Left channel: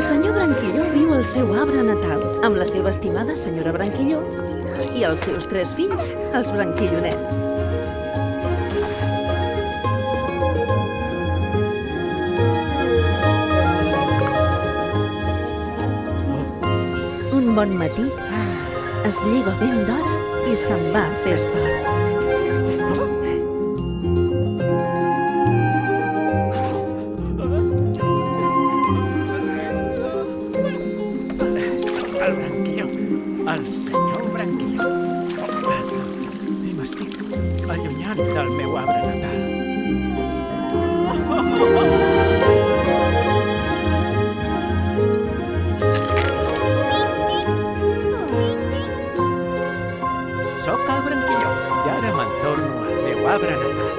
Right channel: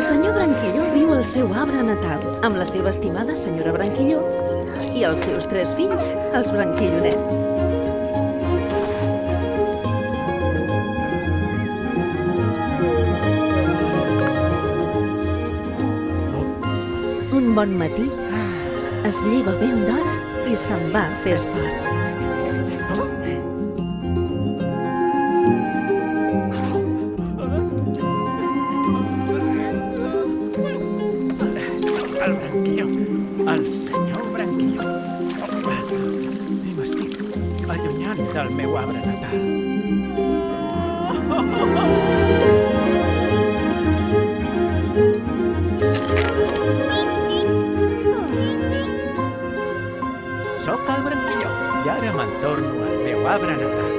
El senyor Branquilló viu al seu arbre natal, amb la seva estimada senyora Branquilló i els seus 3 fills, els Branquillonet. Un bon matí, es lleva ben d'hora i se'n va a fer esport. El Branquilló, el senyor Branquilló. I m'estic allunyant del meu arbre natal. Soc el Branquilló i ara me'n torno al meu arbre natal.